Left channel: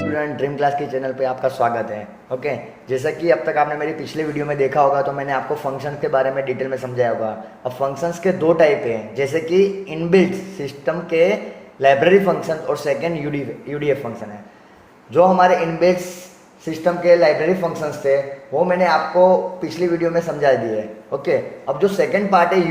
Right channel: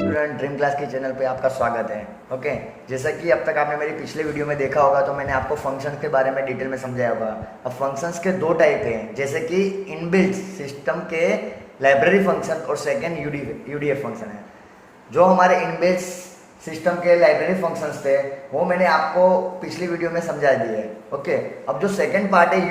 Student dream class के channel पे आपका स्वागत है। ओके, जैसा कि अब तक आपने मेरी पिछले वीडियो में देखा होगा तो मैंने आपको फंक्शन के बारे में डिटेल में समझाया होगा। अब फंक्शंस के दो टाइप हैं, जैसे कि इनबिल्ट सिस्टम के लाइब्रेरी फंक्शन और सेकेंड यूडीएफ फंक्शन है। जो हमारे इनबिल्ट सिस्टम के लाइब्रेरी फंक्शंस थे वो मैंने आपको पिछली वीडियो में समझा दिए। ओके, अब जो सेकेंड पार्ट है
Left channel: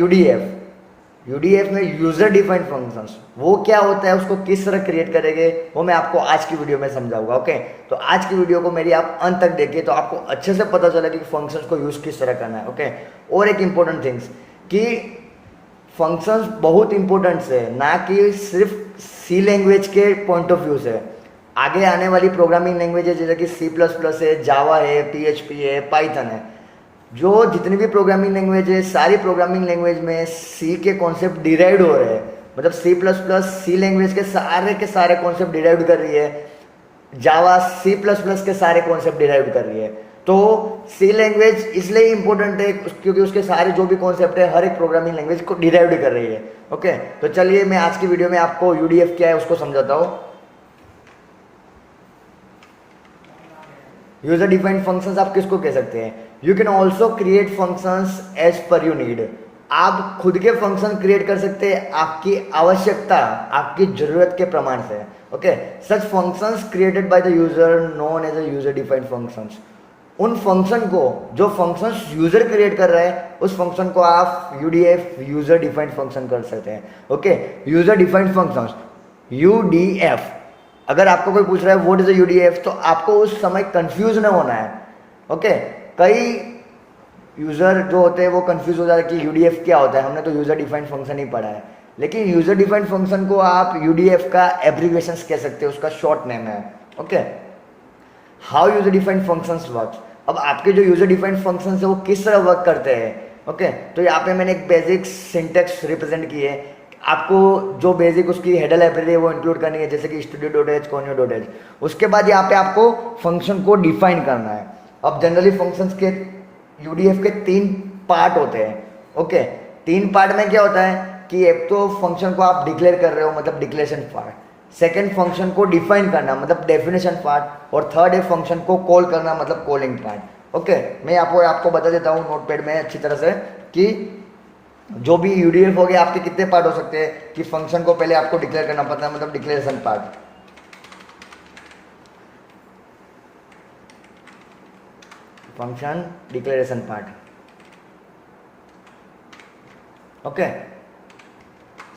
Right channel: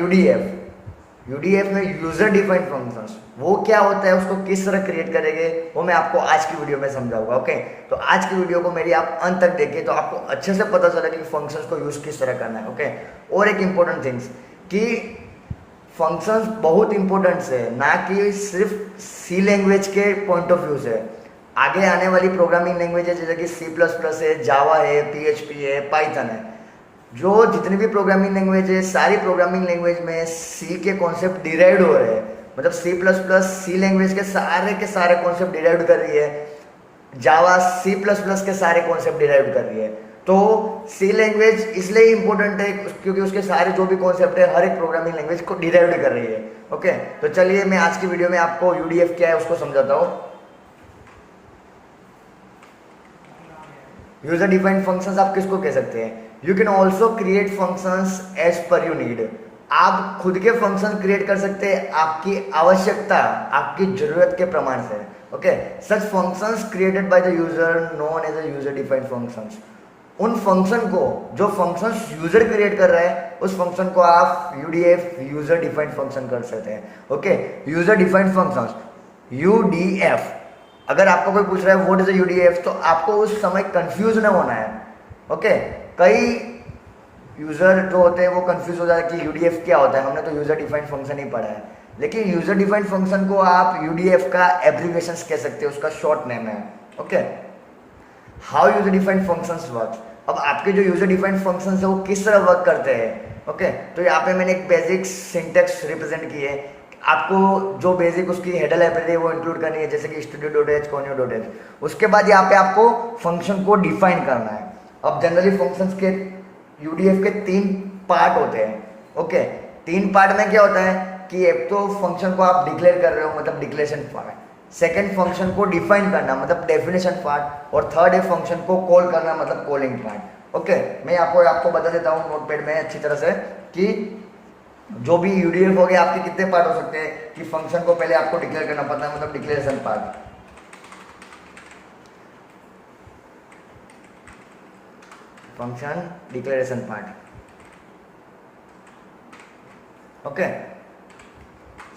यूडीएफ में यूजर डिफाइंड फंक्शंस, वो क्या होता है, उसको किस तरह क्रिएट करेंगे, वो मैं आपको आज की वीडियो में समझाऊंगा। ओके, तो आज की वीडियो को मेरी आप अंत तक देखिए तो आपको अच्छे से पता चलेगा कि फंक्शंस को यूज किस तरह करना है। ओके, और एक इंपॉर्टेंट थिंग्स कि फंक्शंस बहुत इंपॉर्टेंट है, ना कि सिर्फ सी लैंग्वेज के पॉइंट ऑफ व्यू से। आगे आने वाली प्रोग्रामिंग लैंग्वेज है जैसे कि C++ है, जावा है, PHP है, पाइथन है, जो जितनी भी प्रोग्रामिंग लैंग्वेज है सारी प्रोग्रामिंग लैंग्वेज में सी के कॉन्सेप्ट डिराइव्ड हो रहे हैं। मतलब C++ सी लैंग्वेज के सारे कॉन्सेप्ट डिराइव्ड कर रही है, जावा C++ के सारे कॉन्सेप्ट डिराइव्ड कर रही है। तो सी लैंग्वेज इसलिए इंपॉर्टेंट है क्योंकि उसके सारे जो भी कॉन्सेप्ट है हर एक प्रोग्रामिंग लैंग्वेज को डिराइव्ड कर रही है। ओके, तो चलिए मैं आज की वीडियो में आपको यूडीएफ क्या है उसको समझाता हूँ। यूजर डिफाइंड फंक्शंस आप किसको कह सकते हैं? You can also create functions as per you need. आप खुद के फंक्शन क्रिएट कर सकते हैं आपकी आवश्यकता, आपकी जरूरत के प्रमाण से। Okay, such functions created by the user known as a user defined functions. उन फंक्शन को जो फंक्शंस यूजर क्रिएट कर रहे हैं उस फंक्शन को आप यूडीएफ यूजर डिफाइंड फंक्शन कर सकते हैं। Okay, user defined functions UDF. अगर आपको कोई पूछ रहा है व्हाट इज अ यूडीएफ तो आपको उस समय कंफ्यूज ना होना है। ओके, कई यूजर जो होते हैं वो कंफ्यूज हो जाते हैं कि यूडीएफ क्या होता है, हमने तो यूजर डिफाइंड फंक्शन ही पढ़ा है। लेकिन यूजर डिफाइंड फंक्शन को आप यूडीएफ का एब्रीविएशन कह सकते हैं, उसका शॉर्ट नेम है। Okay, how user defined functions work. अब आपके जो यूजर डिफाइंड फंक्शंस है वो किस तरह वर्क करते हैं। ओके, तो यहाँ पे मैंने एक बेसिक सिंटेक्स रिप्रेजेंट की है। आपको जो बेसिक उसकी हेडर लाइब्रेरी है वो इंक्लूड करनी है, जैसे कि studio.h, conio.h। उसके बाद यहाँ पे आपको फंक्शन को डिफाइन करना है। अब जनरली फंक्शंस के यूडीएफ के 3 पार्ट होते हैं। ओके, 3 पार्ट में क्या होता है कि एक तो फंक्शन को आप डिक्लेयर कर रहे हो मतलब डिक्लेरेशन पार्ट, सेकेंड फंक्शन को डिफाइन करना मतलब डेफिनेशन पार्ट, और थर्ड है फंक्शन को कॉल करना मतलब कॉलिंग पार्ट। ओके, मैं आपको बता देता हूँ नोटपैड में अच्छी तरह से कि जो भी यूडीएफ हो गया आपके कितने पार्ट हो सकते हैं। कि फंक्शन को पहले आपको डिक्लेयर करना पड़ता है मतलब declaration part, function declaration part. Okay,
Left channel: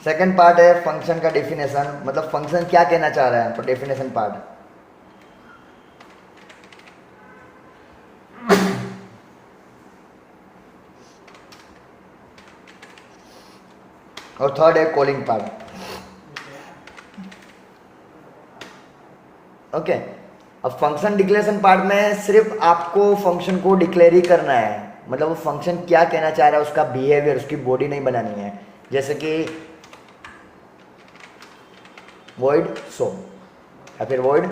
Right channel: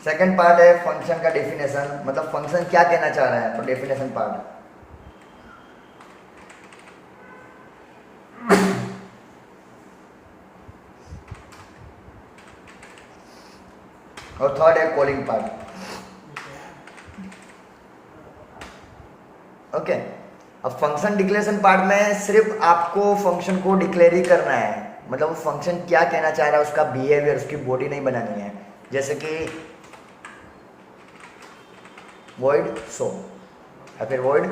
second part है फंक्शन का डेफिनेशन, मतलब फंक्शन क्या कहना चाह रहा है, तो डेफिनेशन पार्ट। और थर्ड है कॉलिंग पार्ट। ओके, अब फंक्शन डिक्लेरेशन पार्ट में सिर्फ आपको फंक्शन को डिक्लेयर ही करना है, मतलब वो फंक्शन क्या कहना चाह रहा है उसका बिहेवियर, उसकी बॉडी नहीं बनानी है। जैसे कि void show या फिर void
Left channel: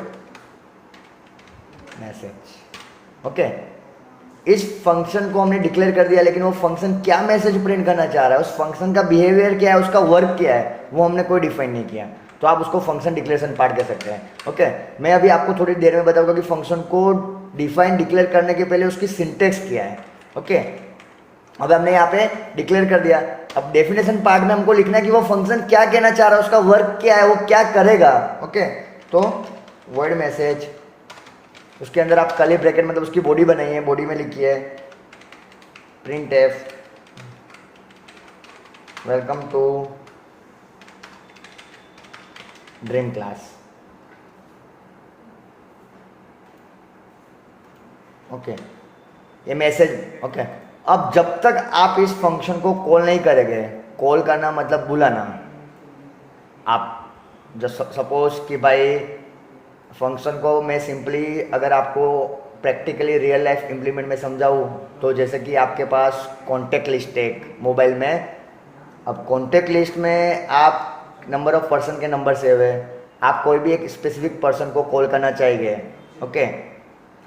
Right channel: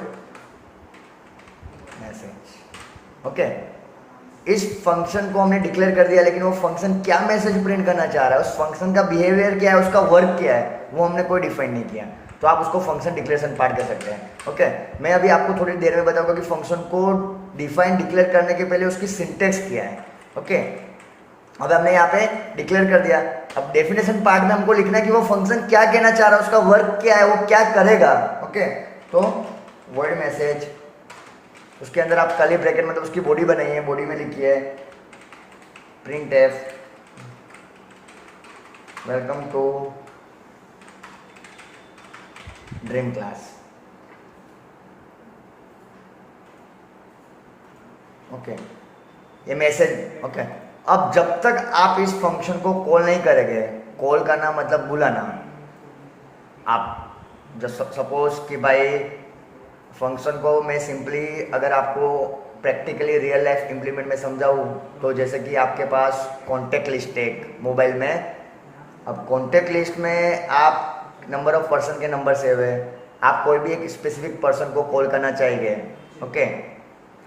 मैसेज। ओके, इस फंक्शन को हमने डिक्लेयर कर दिया लेकिन वो फंक्शन क्या मैसेज प्रिंट करना चाह रहा है, उस फंक्शन का बिहेवियर क्या है, उसका वर्क क्या है, वो हमने कोई डिफाइन नहीं किया, तो आप उसको फंक्शन डिक्लेरेशन पार्ट कह सकते हैं। ओके, मैं अभी आपको थोड़ी देर में बताऊंगा कि फंक्शन को डिफाइन डिक्लेयर करने के पहले उसकी सिंटेक्स क्या है। ओके, अब हमने यहाँ पे डिक्लेयर कर दिया, अब डेफिनेशन पार्ट में हमको लिखना है कि वो फंक्शन क्या कहना चाह रहा है, उसका वर्क क्या है, वो क्या करेगा। ओके, तो वर्ड मैसेज, उसके अंदर आप कर्ली ब्रैकेट मतलब उसकी बॉडी बनाइए, बॉडी में लिखिए print f welcome to dream class. Okay, ये मैसेज। ओके, अब जब तक आप इस फंक्शन को कॉल नहीं करेंगे, कॉल करना मतलब बुलाना, आप सपोज कि भाई फंक्शन को मैं सिंपली अगर आपको प्रैक्टिकली रियल लाइफ इम्प्लीमेंट में समझाऊँ तो जैसे कि आपके पास कॉन्टेक्ट लिस्ट है मोबाइल में। अब कॉन्टेक्ट लिस्ट में आप नंबर ऑफ पर्सन के नंबर सेव है, आप कोई भी एक स्पेसिफिक पर्सन को कॉल करना चाहिए। ओके,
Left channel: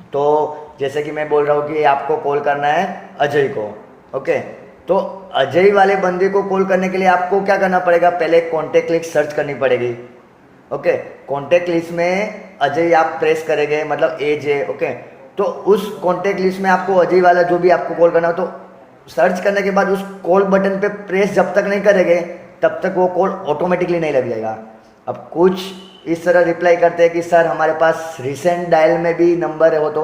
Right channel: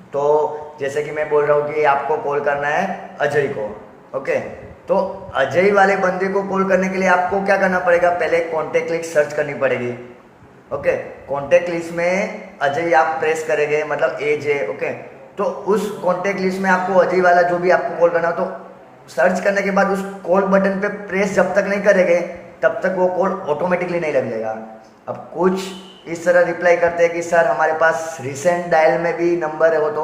तो जैसे कि मैं बोल रहा हूँ कि आपको कॉल करना है अजय को। ओके, तो अजय वाले बंदे को कॉल करने के लिए आपको क्या करना पड़ेगा, पहले कॉन्टेक्ट लिस्ट सर्च करनी पड़ेगी। ओके, कॉन्टेक्ट लिस्ट में अजय आप प्रेस करेंगे, मतलब AJ। ओके, तो उस कॉन्टेक्ट लिस्ट में आपको अजय वाला जो भी आपको कॉल करना, तो सर्च करने के बाद उस कॉल बटन पे प्रेस जब तक नहीं करेंगे तब तक वो कॉल ऑटोमेटिकली नहीं लग जाएगा। अब कुछ इस तरह रिप्लाई करते हैं कि सर हमारे पास रिसेंट डायल में भी नंबर है, हो तो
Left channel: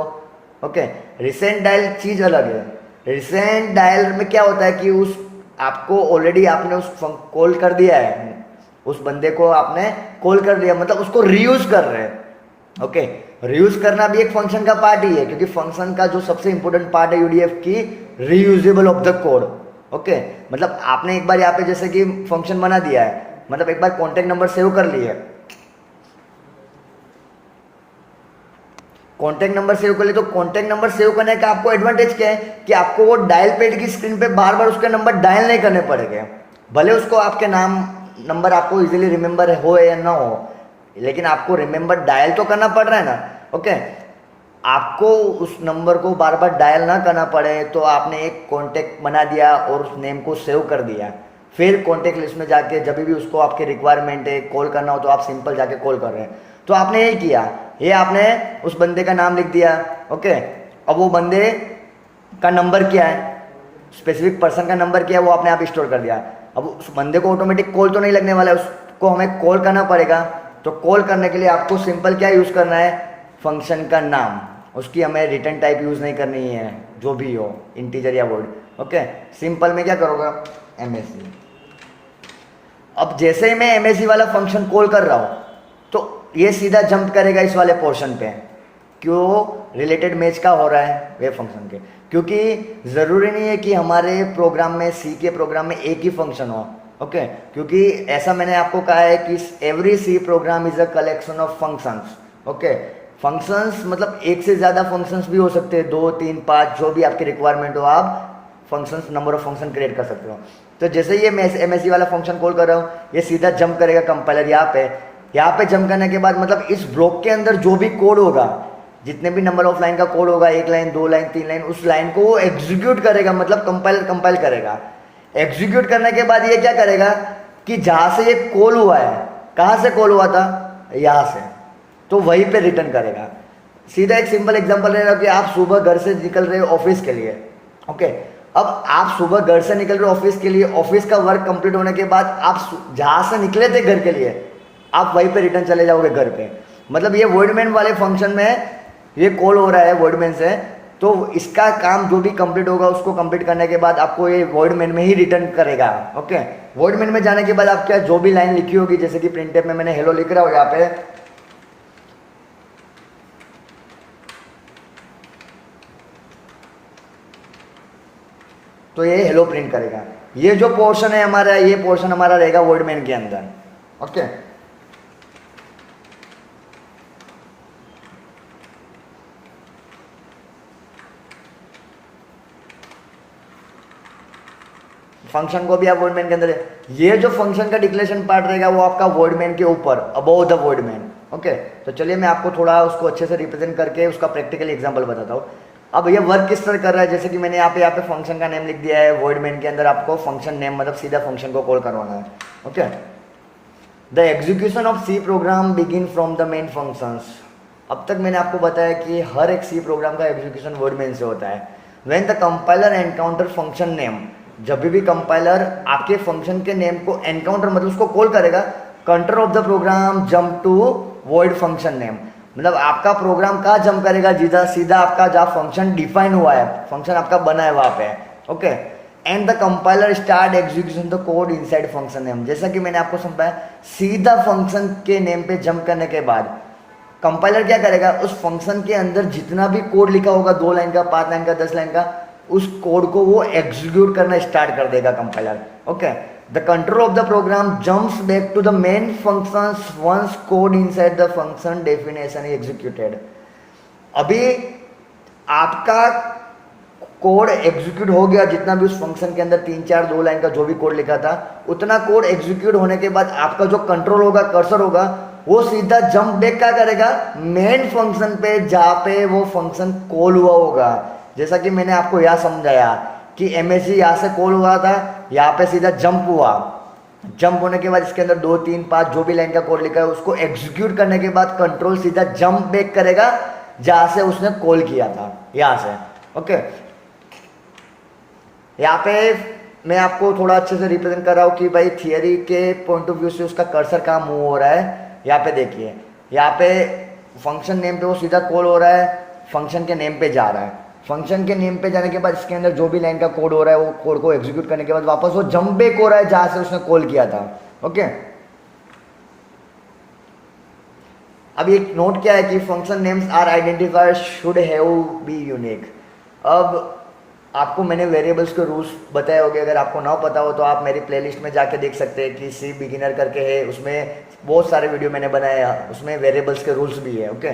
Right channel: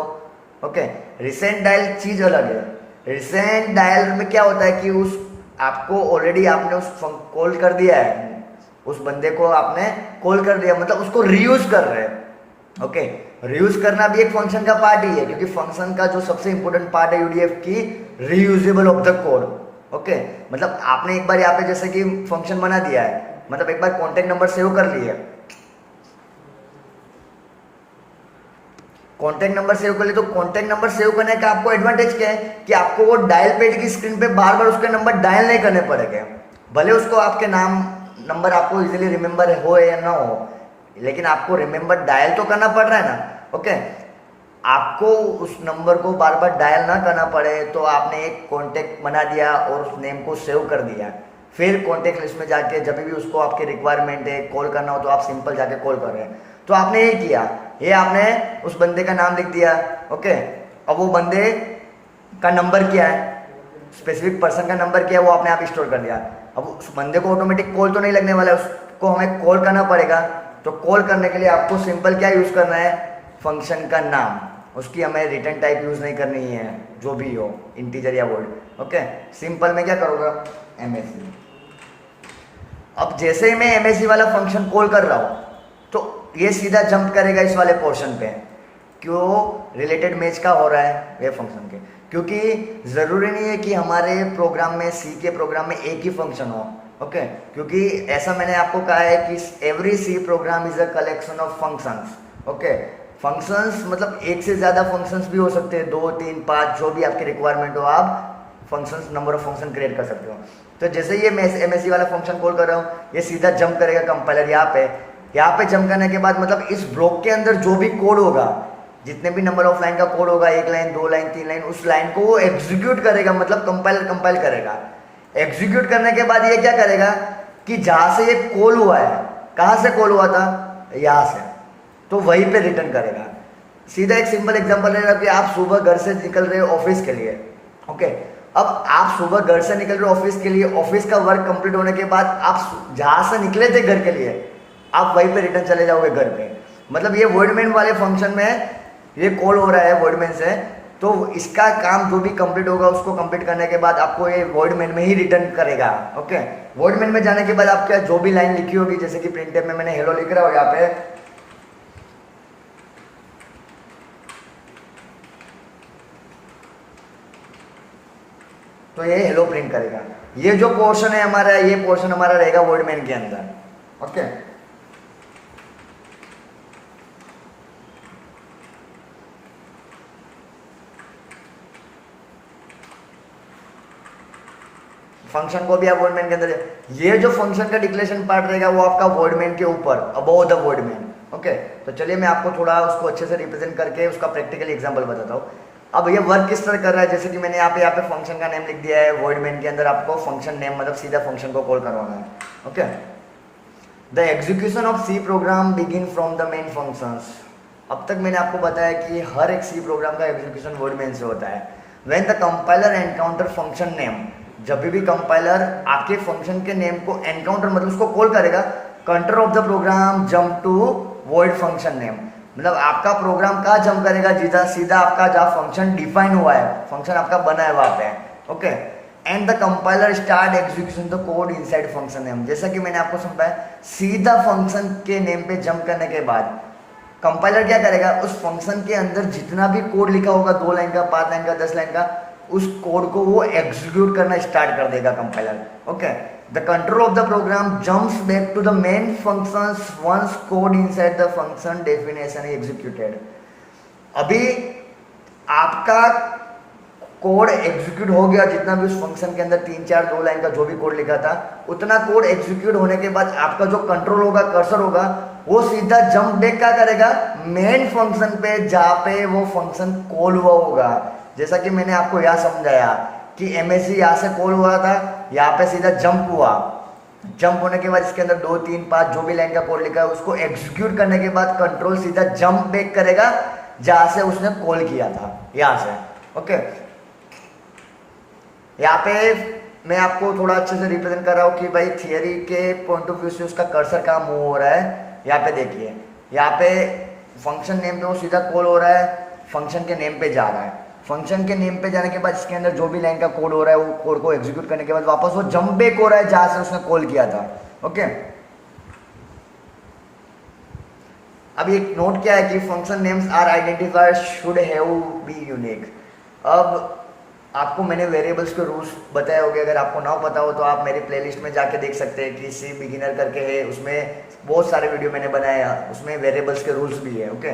ओके, रिसेंट डायल चीज अलग है। रिसेंट डायल में क्या होता है कि उस आपको ऑलरेडी आपने उस कॉल कर दिया है, उस बंदे को आपने कॉल कर दिया, मतलब उसको रीयूज कर रहे हैं। ओके, रीयूज करना भी एक फंक्शन का पार्ट ही है, क्योंकि फंक्शन का जो सबसे इंपॉर्टेंट पार्ट है UDF की reusable of the code. Okay, मतलब आपने एक बार यहाँ पे जैसे कि फंक्शन बना दिया है, मतलब एक बार कॉन्टेक्ट नंबर सेव कर लिए, कॉन्टेक्ट नंबर सेव कर लिए, तो कॉन्टेक्ट नंबर सेव करने का आपको एडवांटेज क्या है कि आपको वो डायल पेड की स्क्रीन पे बार बार उसके नंबर डायल नहीं करने पड़ेंगे। भले उसको आपके नाम नंबर आपको इजीली रिमेंबर हो या ना हो, लेकिन आपको रिमेंबर डायल तो करना पड़ रहा है ना। ओके, आपको उस नंबर को बार बार डायल ना करना पड़े, तो आपने एक कॉन्टेक्ट बना दिया और उस नेम को सेव कर दिया। फिर कॉन्टेक्ट लिस्ट में जाके जब भी उसको आपके रिक्वायरमेंट है कॉल करना हो, तो आप सिंपल जाके कॉल कर रहे हैं। तो आपने ये किया, ये आपने उस बंदे का नाम लिख दिया। ओके, अब वो बंदे का नंबर क्या है, स्पेसिफिक पर्सन का नंबर क्या है, वो आपने आप स्टोर कर दिया। अब उस बंदे को ऑटोमेटिक कॉल तो नहीं लगने वाला है, उसको हमें कॉल करना पड़ेगा। तो कॉल करने के लिए आपको सिंपल क्या यूज करना है, फंक्शन का नाम, उसकी हमें रिटर्न टाइप यूज नहीं करनी है, जो भी हो इंटीजर या वर्ड। ओके, सिंपल में क्या करोगे, MSC। अब जैसे ही मैं MSC वाला फंक्शन कॉल कर रहा हूं, तो ये सीधा जंप करेगा इस वाले पोर्शन पे, क्यों, रिलेटेड मैच का हो रहा है वेब फंक्शन के, क्योंकि जरूरी नहीं है कि हमारे प्रोग्राम में, C के प्रोग्राम में एक ही फंक्शन हो। ओके, क्योंकि ऐसा मैंने आपको कहा है कि every C program is a collection of functions. Okay, functions मतलब एक से ज्यादा फंक्शंस भी हो सकते हैं, 2, 3, 5, जो भी आपकी रिक्वायरमेंट हो, आप functions, number of function create कर सकते हो। तो जैसे ये मैं MSC वाला फंक्शन कॉल कर रहा हूँ, ये सीधा जंप करेगा कंपाइलर यहाँ पे जंप करने के बाद, मतलब इस ब्लॉक के अंदर जो भी कोड होगा, जितने भी नंबर ऑफ लाइन का कोड होगा, 1 लाइन, 2 लाइन, 3 लाइन, उस लाइन को वो एग्जीक्यूट करेगा, मतलब कंपाइल करेगा। एग्जीक्यूट करने के बाद ये क्या करेगा कि जहां से ये कॉल हुआ है, कहां से कॉल हुआ था, यहां से, तो वहीं पे रिटर्न करेगा। सीधा एक सिंपल एग्जांपल लेना कि आप सुबह घर से निकल रहे हो ऑफिस के लिए। ओके, अब आप सुबह घर से निकल रहे हो ऑफिस के लिए, ऑफिस का वर्क कंप्लीट होने के बाद आप जहां से निकले थे घर के लिए, आप वहीं पे रिटर्न चले जाओगे घर पे। मतलब ये वर्डमैन वाले फंक्शन में ये कॉल हो रहा है वर्डमैन से, तो इसका काम जो भी कंप्लीट होगा उसको कंप्लीट करने के बाद आपको ये वर्डमैन में ही रिटर्न करेगा। ओके, वर्डमैन में जाने के बाद आप क्या, जो भी लाइन लिखी होगी, जैसे कि प्रिंटफ में मैंने हेलो लिख रहा हूं यहाँ पे, तो ये हेलो प्रिंट करेगा। ये जो पोर्शन है हमारा, ये पोर्शन हमारा रहेगा वर्डमैन के अंदर। ओके, फंक्शन को भी आप वर्डमैन के अंदर, ये जो फंक्शन का डिक्लेरेशन पार्ट रहेगा वो आपका वर्डमैन के ऊपर, अबव द वर्डमैन। ओके, तो चलिए मैं आपको थोड़ा उसको अच्छे से रिप्रेजेंट करके उसका प्रैक्टिकल एग्जांपल बताता हूँ। अब ये वर्क किस तरह कर रहा है, जैसे कि मैंने यहाँ पे फंक्शन का नेम लिख दिया है, वर्डमैन के अंदर आपको फंक्शन नेम मतलब सीधा फंक्शन को कॉल करवाना है। Okay, the execution of C program begin from the main functions. अब तक मैंने आपको बताया कि हर एक C प्रोग्राम का एग्जीक्यूशन वर्डमैन से होता है। When the compiler encounter function name, जब भी कंपाइलर आपके फंक्शन के नेम को एनकाउंटर मतलब उसको कॉल करेगा, control of the program jump to void function name, मतलब आपका प्रोग्राम कहाँ जंप करेगा, सीधा आपका जहाँ फंक्शन डिफाइन हुआ है, फंक्शन आपका बना है वहां पे। Okay, and the compiler start execution the code inside function name. जैसा कि मैंने आपको समझाया, सीधा फंक्शन के नेम पे जंप करने के बाद कंपाइलर क्या करेगा, उस फंक्शन के अंदर जितना भी कोड लिखा होगा, 2 लाइन का, 5 लाइन का, 10 लाइन का, उस कोड को वो एग्जीक्यूट करना स्टार्ट कर देगा compiler. Okay, the control of the program jumps back to the main functions once code inside the function definition executed. अभी आपका कोड एग्जीक्यूट हो गया, जितना भी उस फंक्शन के अंदर 3, 4, 2 लाइन का जो भी कोड लिखा था, उतना कोड एग्जीक्यूट होने के बाद आपका जो कंट्रोल होगा, कर्सर होगा, वो सीधा जंप बैक क्या करेगा, मेन फंक्शन पे, जहां पे वो फंक्शन कॉल हुआ होगा। जैसा कि मैंने आपको यहां समझाया कि MSC यहां से कॉल हुआ था, यहाँ पे सीधा जंप हुआ, जंप होने के बाद इसके अंदर 2 3 5 जो भी लाइन का कोड लिखा है उसको एग्जीक्यूट करने के बाद कंट्रोल सीधा जंप बैक करेगा जहां से उसने कॉल किया था, यहां से। ओके, यहाँ पे मैं आपको थोड़ा अच्छे से रिप्रेजेंट कर रहा हूँ कि भाई थियरी के पॉइंट ऑफ व्यू से उसका कर्सर कहाँ मूव हो रहा है। यहाँ पे देखिए, यहाँ पे फंक्शन नेम पे वो सीधा कॉल हो रहा है, फंक्शन के नेम पे जा रहा है, फंक्शन के नेम पे जाने के बाद इसके अंदर जो भी लाइन का कोड हो रहा है वो कोड को एग्जीक्यूट करने के बाद वापस वो जंप बैक हो रहा है जहां से उसने कॉल किया था। ओके, अब एक नोट क्या है कि function names are identifier should have be unique. अब आपको मैंने वेरिएबल्स के रूल्स बताए होंगे, अगर आपको ना पता हो तो आप मेरी प्लेलिस्ट में जाके देख सकते हैं कि सी बिगिनर करके है, उसमें बहुत सारे वीडियो मैंने बनाया, उसमें वेरिएबल्स के रूल्स भी है। ओके,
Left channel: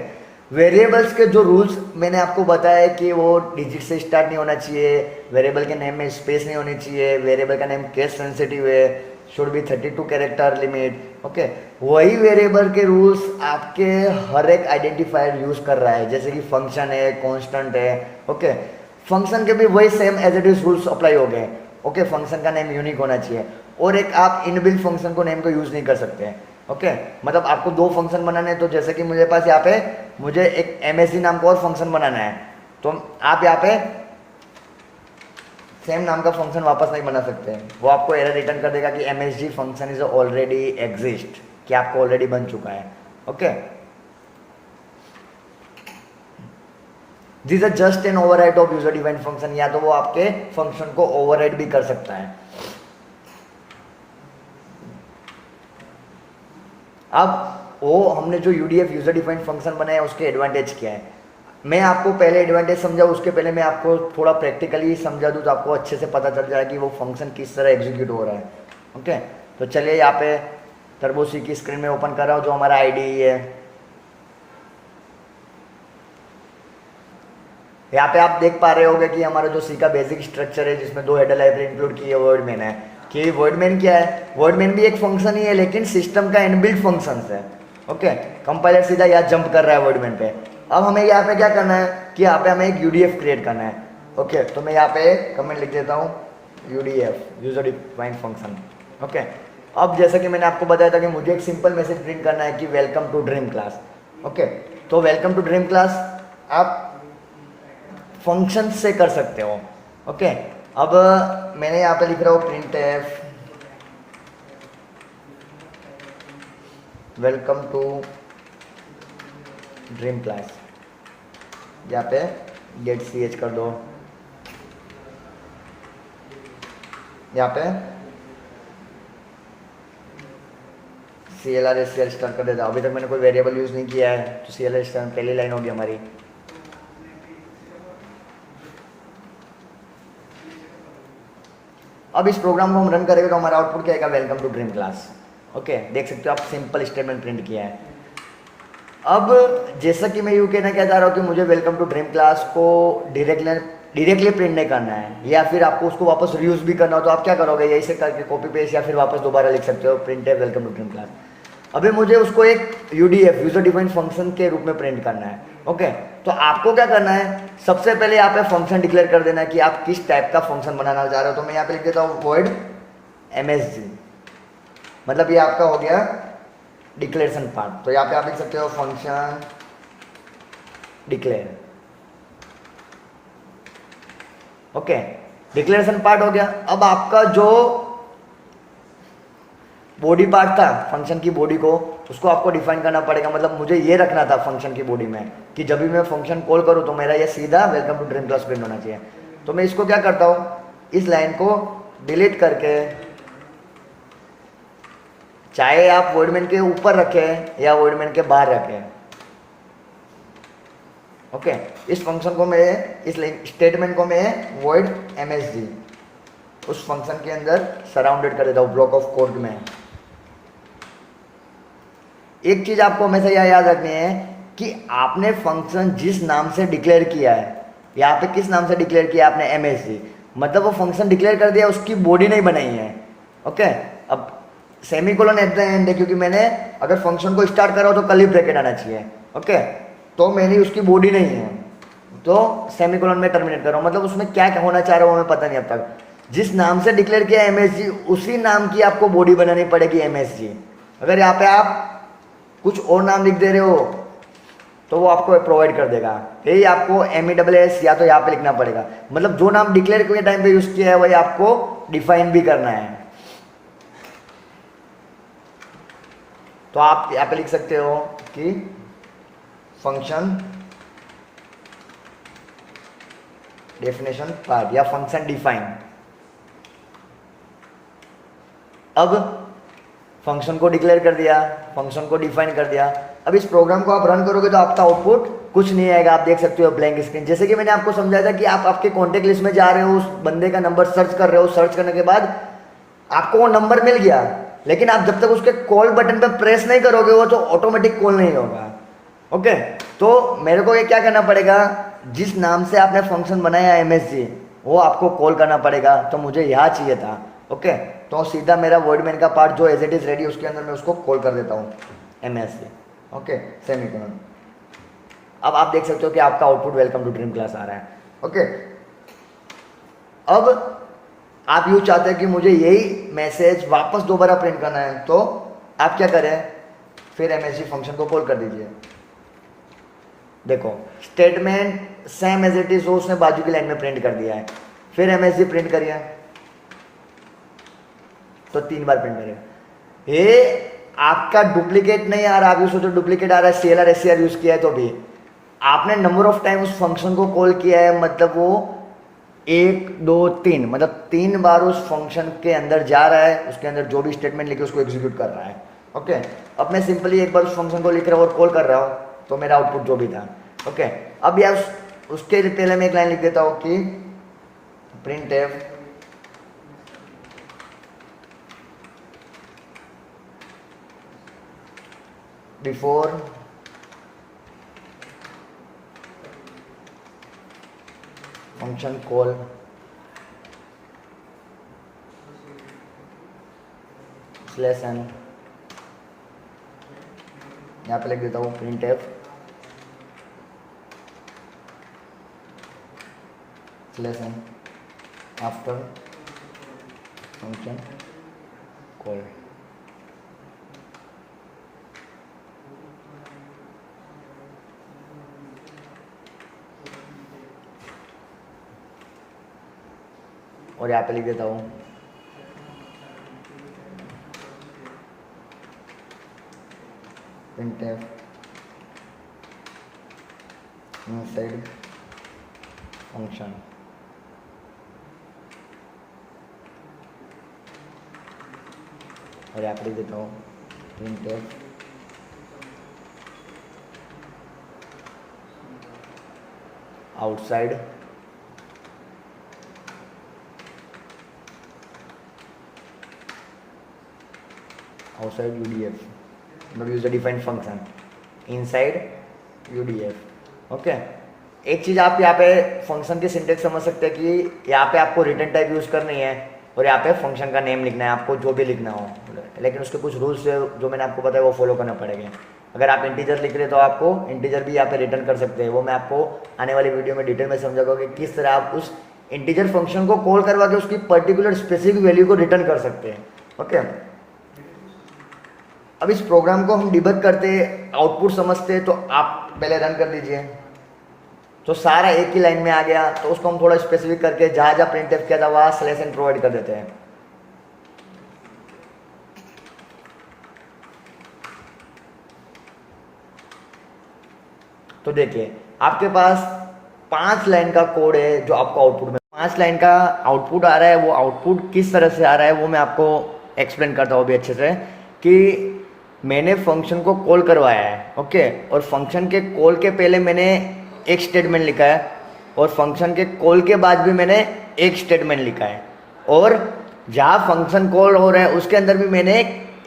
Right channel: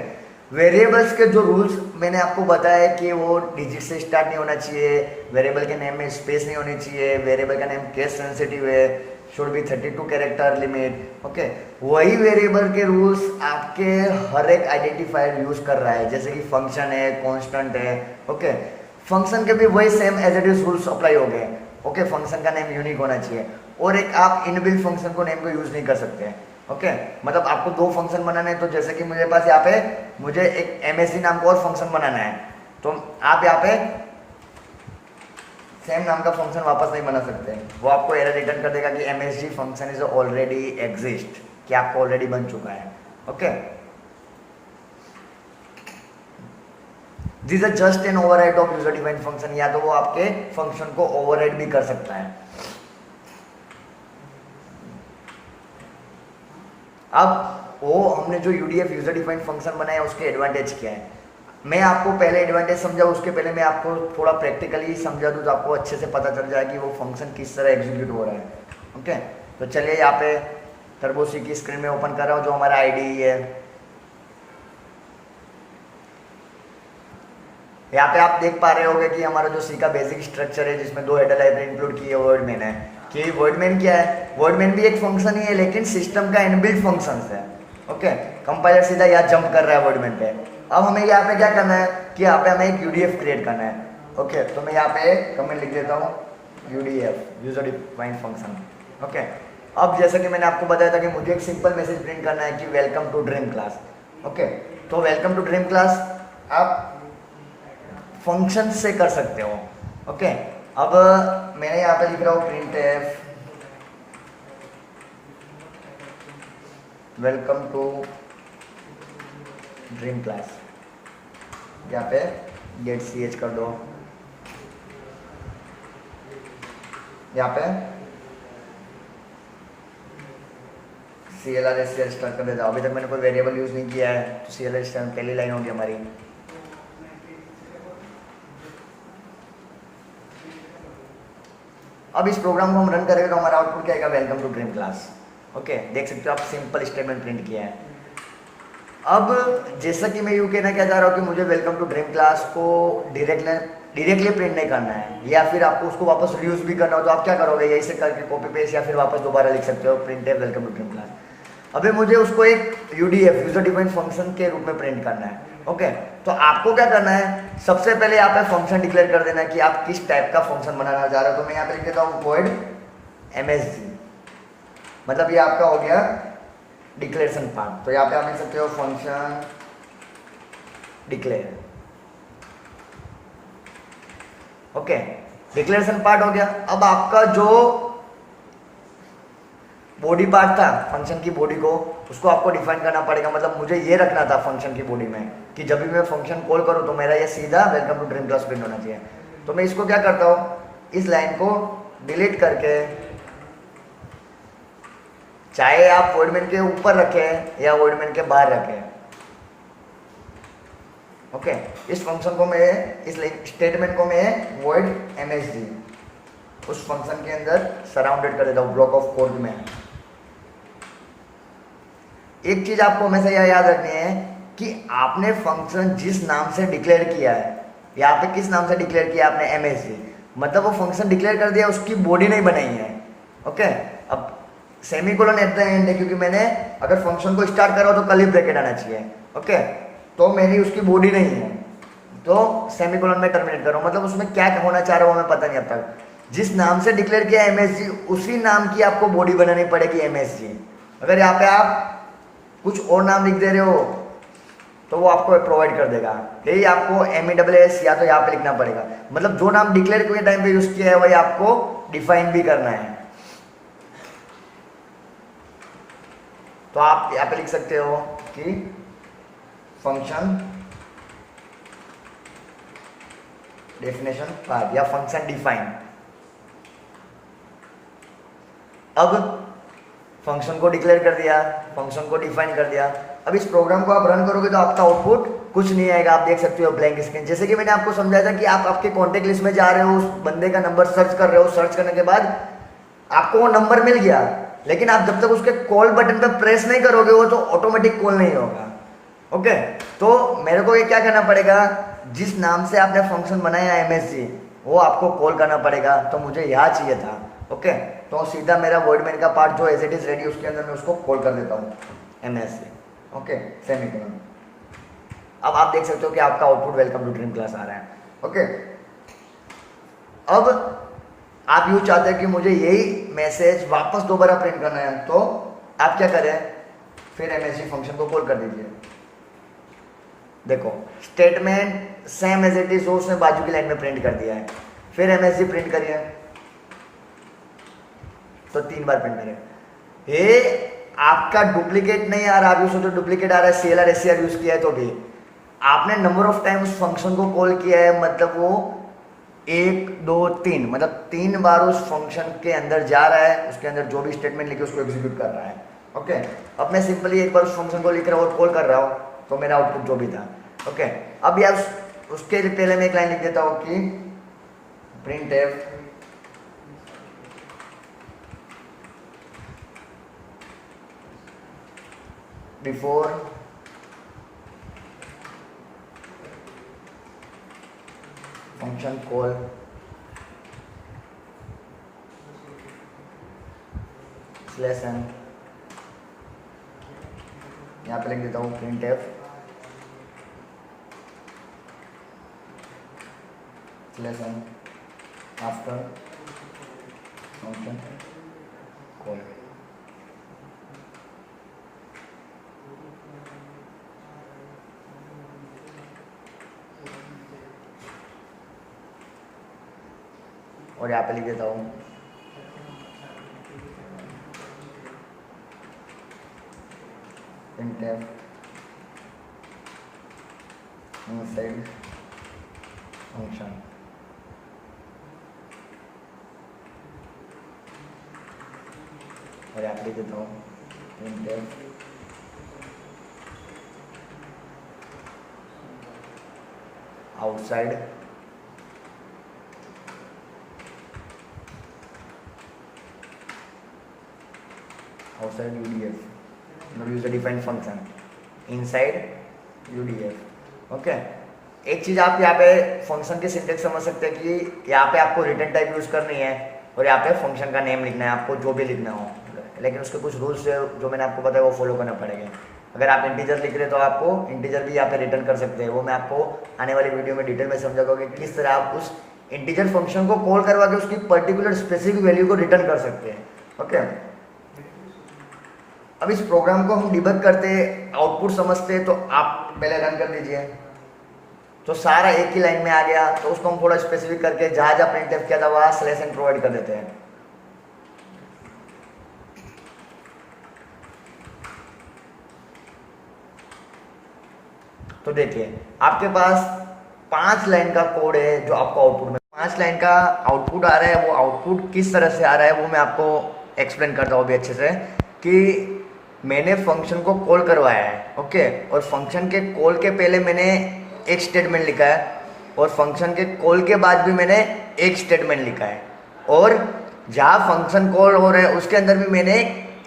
वेरिएबल्स के जो रूल्स मैंने आपको बताया है कि वो डिजिट से स्टार्ट नहीं होना चाहिए, वेरिएबल के नेम में स्पेस नहीं होनी चाहिए, वेरिएबल का नेम केस सेंसिटिव है, should be 32 character limit. Okay, वही वेरिएबल के रूल्स आपके हर एक आइडेंटिफायर यूज कर रहा है, जैसे कि फंक्शन है, कांस्टेंट है। ओके, फंक्शन के भी वही same as it is rules apply हो गए। ओके, फंक्शन का नेम यूनिक होना चाहिए, और एक आप इनबिल्ट फंक्शन को नेम को यूज नहीं कर सकते। ओके, मतलब आपको 2 फंक्शन बनाने हैं, तो जैसे कि मुझे पास यहाँ पे मुझे एक MSG नाम का और फंक्शन बनाना है, तो आप यहाँ पे सेम नाम का फंक्शन वापस नहीं बना सकते, वो आपको एरर रिटर्न कर देगा कि MSG function is already exist, कि आपको ऑलरेडी बन चुका है। Okay, this is just an override of user defined function, या तो वो आपके फंक्शन को ओवरराइड भी कर सकता है। अब वो हमने जो UDF यूजर डिफाइंड फंक्शन बनाया उसके एडवांटेज क्या है, मैं आपको पहले एडवांटेज समझाऊं, उसके पहले मैं आपको थोड़ा प्रैक्टिकली समझा दूं तो आपको अच्छे से पता चल जाए कि वो फंक्शन किस तरह एग्जीक्यूट हो रहा है। ओके, तो चलिए यहाँ पे टर्बो सी की स्क्रीन में ओपन कर रहा हूँ जो हमारा IDE है। यहाँ पे आप देख पा रहे होंगे कि हमारा जो सी का बेसिक स्ट्रक्चर है जिसमें 2 हेडर लाइब्रेरी इंक्लूड की है, वर्डमैन है। कि वर्डमैन क्या है, वर्डमैन भी एक फंक्शन ही है लेकिन सिस्टम का इनबिल्ट फंक्शन है। ओके, कंपाइलर सीधा यहाँ जंप कर रहा है वर्डमैन पे। अब हमें यहाँ पे क्या करना है कि यहाँ पे हमें एक UDF क्रिएट करना है। ओके, तो मैं यहाँ पे कमेंट लिख देता हूँ UDF user defined function. Okay, अब जैसा कि मैंने आपको बताया था कि मुझे एक सिंपल मैसेज प्रिंट करना है कि welcome to dream class. Okay, तो वेलकम टू ड्रीम क्लास आप फंक्शन से कर सकते हो। ओके, अब मैंने यहाँ पे लिख रहा हूँ print f welcome to dream class, यहाँ पे गेट ch कर दो, यहाँ पे CLR SCL स्टार्ट कर देता हूँ। अभी तक मैंने कोई वेरिएबल यूज नहीं किया है तो CLR स्टार्ट पहली लाइन होगी हमारी। अब इस प्रोग्राम को हम रन करेंगे तो हमारा आउटपुट क्या आएगा, welcome to dream class. Okay, देख सकते हो आप सिंपल स्टेटमेंट प्रिंट किया है। अब जैसा कि मैं यूँ कहना क्या चाह रहा हूँ कि मुझे वेलकम टू ड्रीम क्लास को डायरेक्टली प्रिंट नहीं करना है, या फिर आपको उसको वापस रीयूज भी करना हो तो आप क्या करोगे, यही से करके कॉपी पेस्ट या फिर वापस दोबारा लिख सकते हो प्रिंट है वेलकम टू ड्रीम क्लास। अभी मुझे उसको एक UDF यूजर डिफाइंड फंक्शन के रूप में प्रिंट करना है। ओके, तो आपको क्या करना है, सबसे पहले यहाँ पे फंक्शन डिक्लेयर कर देना है कि आप किस टाइप का फंक्शन बनाना चाह रहे हो। तो मैं यहाँ पे लिख देता हूँ void MSG, मतलब ये आपका हो गया डिक्लेरेशन पार्ट। तो यहाँ पे आप लिख सकते हो function declare. Okay, declaration part हो गया। अब आपका जो बॉडी पार्ट था फंक्शन की बॉडी को, उसको आपको डिफाइन करना पड़ेगा। मतलब मुझे ये रखना था फंक्शन की बॉडी में कि जब भी मैं फंक्शन कॉल करूँ तो मेरा ये सीधा welcome to dream class print होना चाहिए। तो मैं इसको क्या करता हूँ, इस लाइन को डिलीट करके, चाहे आप वर्डमैन के ऊपर रखें या वर्डमैन के बाहर रखें, ओके, इस फंक्शन को मैं, इस स्टेटमेंट को मैं void MSG उस फंक्शन के अंदर सराउंडेड कर देता हूँ ब्लॉक ऑफ कोड में। एक चीज आपको हमेशा यह याद रखनी है कि आपने फंक्शन जिस नाम से डिक्लेयर किया है, यहाँ पे किस नाम से डिक्लेयर किया आपने, MSG, मतलब वो फंक्शन डिक्लेयर कर दिया, उसकी बॉडी नहीं बनाई है। ओके, अब सेमीकोलन एट द एंड है क्योंकि मैंने अगर फंक्शन को स्टार्ट करा तो कर्ली ब्रैकेट आना चाहिए। ओके, तो मेरी उसकी बॉडी नहीं है तो सेमीकोलन में टर्मिनेट कर रहा हूँ, मतलब उसमें क्या होना चाह रहा हूँ हमें पता नहीं अब तक। जिस नाम से डिक्लेयर किया MSG उसी नाम की आपको बॉडी बनानी पड़ेगी MSG। अगर यहाँ पे आप कुछ और नाम लिख दे रहे हो तो वो आपको प्रोवाइड कर देगा, यही आपको MESS या तो यहाँ पे लिखना पड़ेगा। मतलब जो नाम डिक्लेयर के टाइम पे यूज किया है वही आपको डिफाइन भी करना है। तो आप यहाँ पे लिख सकते हो कि फंक्शन डेफिनेशन पार्ट या फंक्शन डिफाइन। अब फंक्शन को डिक्लेयर कर दिया, फंक्शन को डिफाइन कर दिया। अब इस प्रोग्राम को आप रन करोगे तो आपका आउटपुट कुछ नहीं आएगा, आप देख सकते हो ब्लैंक स्क्रीन। जैसे कि मैंने आपको समझाया था कि आप आपके कॉन्टेक्ट लिस्ट में जा रहे हो, उस बंदे का नंबर सर्च कर रहे हो, सर्च करने के बाद आपको वो नंबर मिल गया, लेकिन आप जब तक उसके कॉल बटन पर प्रेस नहीं करोगे वो तो ऑटोमेटिक कॉल नहीं होगा। ओके, तो मेरे को ये क्या करना पड़ेगा, जिस नाम से आपने फंक्शन बनाया MSG वो आपको कॉल करना पड़ेगा। तो मुझे यहाँ चाहिए था। ओके, तो सीधा मेरा वॉइड मेन का पार्ट जो एज इट इज रेडी उसके अंदर मैं उसको कॉल कर देता हूँ MSG। Okay, semicolon. अब आप देख सकते हो कि आपका output welcome to dream class आ रहा है। ओके, अब आप यूँ चाहते हैं कि मुझे यही मैसेज वापस दोबारा प्रिंट करना है, तो आप क्या करें, फिर MSG फंक्शन को कॉल कर दीजिए। देखो statement same as it is हो उसने बाजू की लाइन में प्रिंट कर दिया है। फिर MSG प्रिंट करिए तो 3 बार प्रिंट करिए। ये आपका डुप्लीकेट नहीं आ रहा, आप ये सोचो डुप्लीकेट आ रहा है, CLR SCR यूज किया है तो भी आपने नंबर ऑफ टाइम उस फंक्शन को कॉल किया है, मतलब वो 1 2 3 मतलब 3 बार उस फंक्शन के अंदर जा रहा है, उसके अंदर जो भी स्टेटमेंट लिखे उसको एग्जीक्यूट कर रहा है। ओके, अब मैं सिंपली एक बार उस फंक्शन को लिख रहा हूँ और कॉल कर रहा हूँ तो मेरा आउटपुट जो भी था। ओके, अब यार उसके पहले मैं एक लाइन लिख देता हूँ कि printf before function call /n, यहाँ पे लिख देता हूँ printf /n after function call. और यहाँ पे लिख देता हूँ printf inside function। और यहाँ पे लिख देता हूँ printf outside UDF, but use the defined function inside UDF। Okay, एक चीज आप यहाँ पे फंक्शन के सिंटेक्स समझ सकते हैं कि यहाँ पे आपको रिटर्न टाइप यूज करनी है और यहाँ पे फंक्शन का नेम लिखना है, आपको जो भी लिखना हो, लेकिन उसके कुछ रूल्स जो मैंने आपको बताया वो फॉलो करना पड़ेगा। अगर आप इंटीजर लिख रहे हो तो आपको इंटीजर भी यहाँ पे रिटर्न कर सकते हैं, वो मैं आपको आने वाली वीडियो में डिटेल में समझाऊंगा कि किस तरह आप उस इंटीजर फंक्शन को कॉल करवा के उसकी पर्टिकुलर स्पेसिफिक वैल्यू को रिटर्न कर सकते हैं। ओके, अब इस प्रोग्राम को हम डिबग करते आउटपुट समझते तो आप पहले रन कर लीजिए, तो सारा एक ही लाइन में आ गया। तो उसको हम थोड़ा स्पेसिफिक करके जहां जहां प्रिंटफ किया था वहां /n प्रोवाइड कर देते हैं। तो देखिए आपके पास 5 लाइन का कोड है जो आपको आउटपुट में 5 लाइन का आउटपुट आ रहा है। वो आउटपुट किस तरह से आ रहा है वो मैं आपको एक्सप्लेन करता हूँ अभी अच्छे से, कि मैंने फंक्शन को कॉल करवाया है। ओके, और फंक्शन के कॉल के पहले मैंने एक स्टेटमेंट लिखा है और फंक्शन के कॉल के बाद भी मैंने एक स्टेटमेंट लिखा है, और जहाँ फंक्शन कॉल हो रहा है उसके अंदर भी मैंने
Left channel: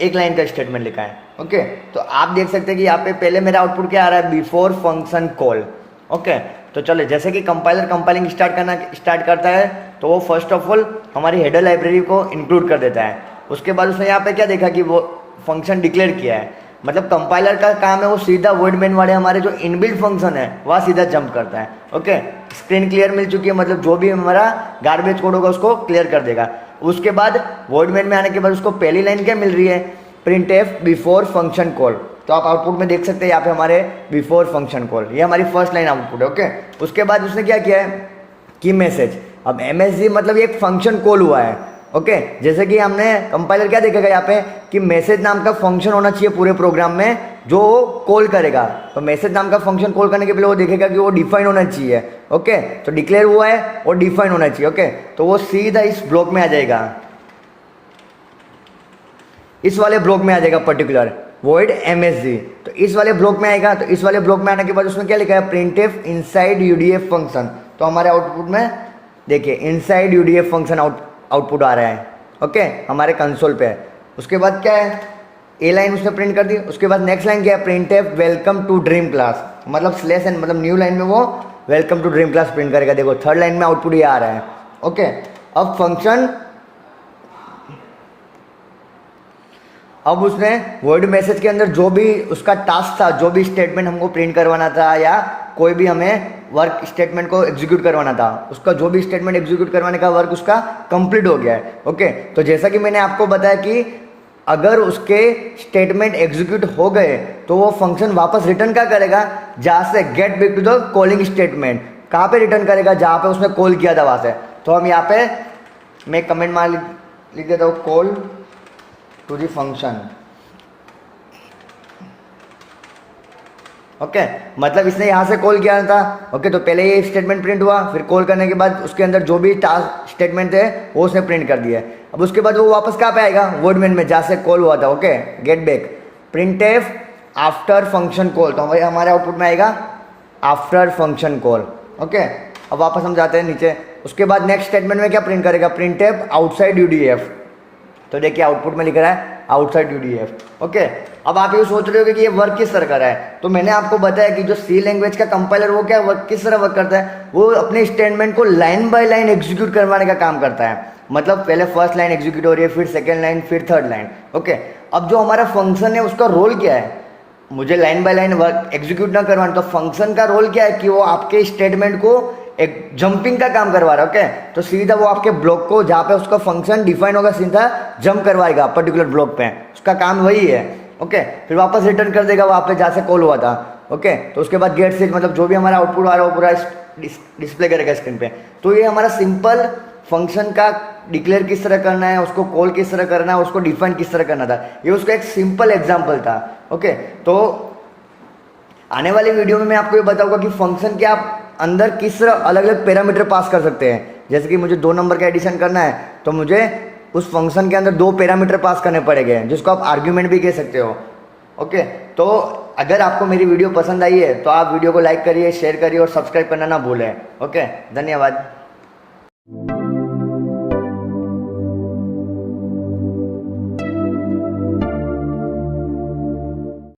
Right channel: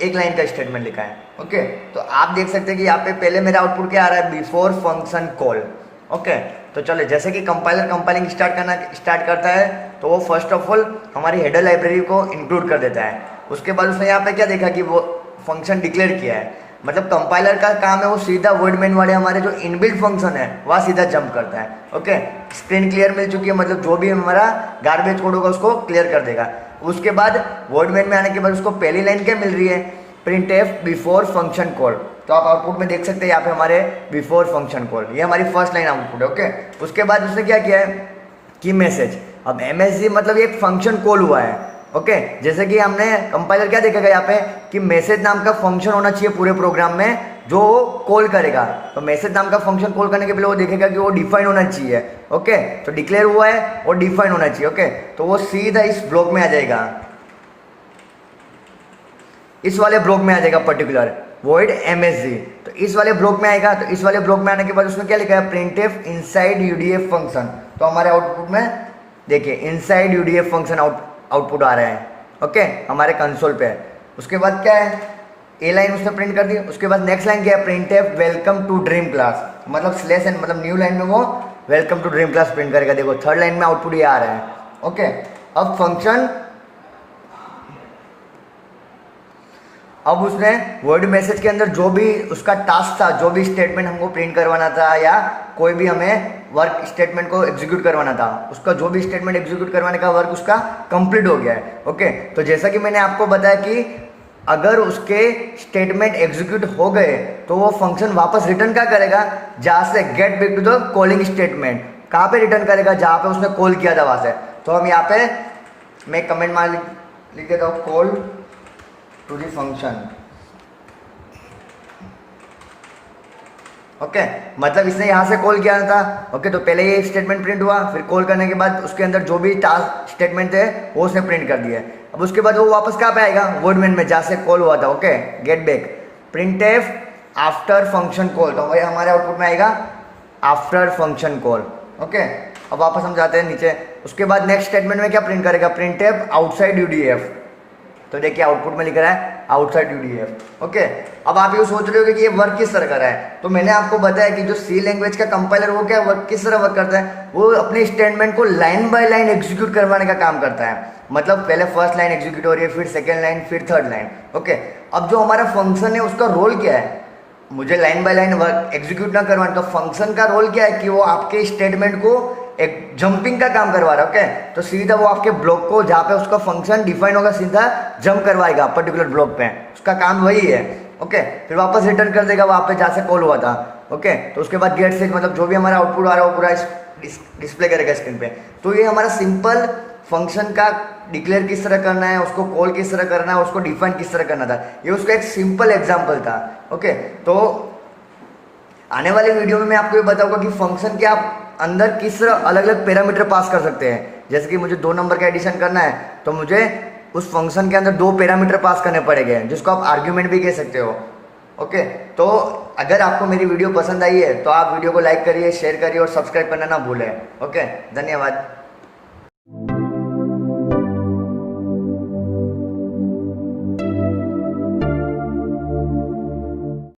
एक लाइन का स्टेटमेंट लिखा है। ओके, तो आप देख सकते हैं कि यहाँ पे पहले मेरा आउटपुट क्या आ रहा है, बिफोर फंक्शन कॉल। ओके, तो चलो जैसे कि कंपाइलर कंपाइलिंग स्टार्ट करता है तो वो फर्स्ट ऑफ ऑल हमारी हेडर लाइब्रेरी को इंक्लूड कर देता है। उसके बाद उसने यहाँ पे क्या देखा कि वो फंक्शन डिक्लेयर किया है। मतलब कंपाइलर का काम है वो सीधा वर्डमेन वाले हमारे जो इनबिल्ट फंक्शन है वहाँ सीधा जंप करता है। ओके, स्क्रीन क्लियर मिल चुकी है, मतलब जो भी हमारा गार्बेज कोड होगा उसको क्लियर कर देगा। उसके बाद वर्डमेन में आने के बाद उसको पहली लाइन क्या मिल रही है, print F before function call. तो आप आउटपुट में देख सकते हैं यहाँ पे हमारे बिफोर फंक्शन कॉल, ये हमारी फर्स्ट लाइन आउटपुट है। ओके, उसके बाद उसने क्या किया है की मैसेज। अब MSG मतलब ये एक फंक्शन कॉल हुआ है। ओके, जैसे कि हमने कंपाइलर क्या देखेगा यहाँ पे कि मैसेज नाम का फंक्शन होना चाहिए पूरे प्रोग्राम में जो कॉल करेगा। तो मैसेज नाम का फंक्शन कॉल करने के पहले वो देखेगा कि वो डिफाइन होना चाहिए। ओके, तो डिक्लेयर हुआ है और डिफाइन होना चाहिए। ओके, तो वो सीधा इस ब्लॉक में आ जाएगा, इस वाले ब्लॉक में आ जाएगा पर्टिकुलर void MSG। तो इस वाले ब्लॉक में आएगा। तो इस वाले ब्लॉक में आने के बाद उसमें क्या लिखा है, printf inside UDF फंक्शन। तो हमारे आउटपुट में देखिए इनसाइड UDF फंक्शन आउटपुट आ रहा है। ओके, हमारे कंसोल पे है। उसके बाद क्या है, ए लाइन उसने प्रिंट कर दी। उसके बाद नेक्स्ट लाइन क्या है, printf welcome to dream class, मतलब स्लेश एन मतलब न्यू लाइन में वो welcome to dream class print करेगा। देखो थर्ड लाइन में आउटपुट ये आ रहा है। ओके, अब फंक्शन, अब उसने वर्ड मैसेज के अंदर जो भी उसका टास्क था, जो भी स्टेटमेंट हमको प्रिंट करवाना था या कोई भी हमें वर्क स्टेटमेंट को एग्जीक्यूट करवाना था, उसका जो भी स्टेटमेंट एग्जीक्यूट करवाने का वर्क उसका कंप्लीट हो गया है। ओके, तो जैसा कि मैंने आपको बताया कि अगर उसके स्टेटमेंट एग्जीक्यूट हो गए तो वो फंक्शन वापस रिटर्न क्या करेगा, जहाँ से get back to the calling statement, कहाँ पे रिटर्न करेगा, जहाँ पे उसने कॉल किया था वहाँ से। तो हम यहाँ पे मैं कमेंट मार लिख देता हूँ, call to the function. Okay, मतलब इसने यहाँ से कॉल किया था। ओके, तो पहले ये स्टेटमेंट प्रिंट हुआ, फिर कॉल करने के बाद उसके अंदर जो भी टास्क स्टेटमेंट थे वो उसने प्रिंट कर दिया। अब उसके बाद वो वापस कहाँ पे आएगा, वर्डमेन में जहाँ से कॉल हुआ था। Okay, get back printf after function call. तो वही हमारे आउटपुट में आएगा आफ्टर फंक्शन कॉल। ओके, अब वापस हम जाते हैं नीचे। उसके बाद नेक्स्ट स्टेटमेंट में क्या प्रिंट करेगा, प्रिंटफ आउटसाइड UDF। तो देखिए आउटपुट में लिख रहा है आउटसाइड UDF। ओके, अब आप ये सोच रहे हो कि ये वर्क किस तरह कर रहा है, तो मैंने आपको बताया कि जो C लैंग्वेज का कंपाइलर वो क्या वर्क किस तरह वर्क करता है, वो अपने स्टेटमेंट को लाइन बाय लाइन एग्जीक्यूट करवाने का काम करता है। मतलब पहले फर्स्ट लाइन एग्जीक्यूट हो रही है, फिर सेकेंड लाइन, फिर थर्ड लाइन। ओके, अब जो हमारा फंक्शन है उसका रोल क्या है, मुझे line by line work execute ना करवाना, तो फंक्शन का रोल क्या है कि वो आपके स्टेटमेंट को एक जंपिंग का काम करवा रहा है। ओके, तो सीधा वो आपके ब्लॉक को जहाँ पे उसका फंक्शन डिफाइन होगा सीधा जंप करवाएगा पर्टिकुलर ब्लॉक पे, उसका काम वही है। ओके, फिर वापस रिटर्न कर देगा वहाँ पे जहाँ से कॉल हुआ था। ओके, तो उसके बाद गेट स्टेज मतलब जो भी हमारा आउटपुट आ रहा है वो पूरा डिस्प्ले करेगा स्क्रीन पे। तो ये हमारा सिंपल फंक्शन का डिक्लेयर किस तरह करना है, उसको कॉल किस तरह करना है, उसको डिफाइन किस तरह करना था, ये उसका एक सिंपल एग्जाम्पल था। ओके, तो आने वाले वीडियो में मैं आपको ये बताऊंगा कि फंक्शन के आप अंदर किस तरह अलग अलग पैरामीटर पास कर सकते हैं। जैसे कि मुझे 2 नंबर का एडिशन करना है तो मुझे उस फंक्शन के अंदर 2 पैरामीटर पास करने पड़ेंगे, जिसको आप आर्ग्यूमेंट भी कह सकते हो। ओके, तो अगर आपको मेरी वीडियो पसंद आई है तो आप वीडियो को लाइक करिए, शेयर करिए और सब्सक्राइब करना ना भूलें। ओके, धन्यवाद।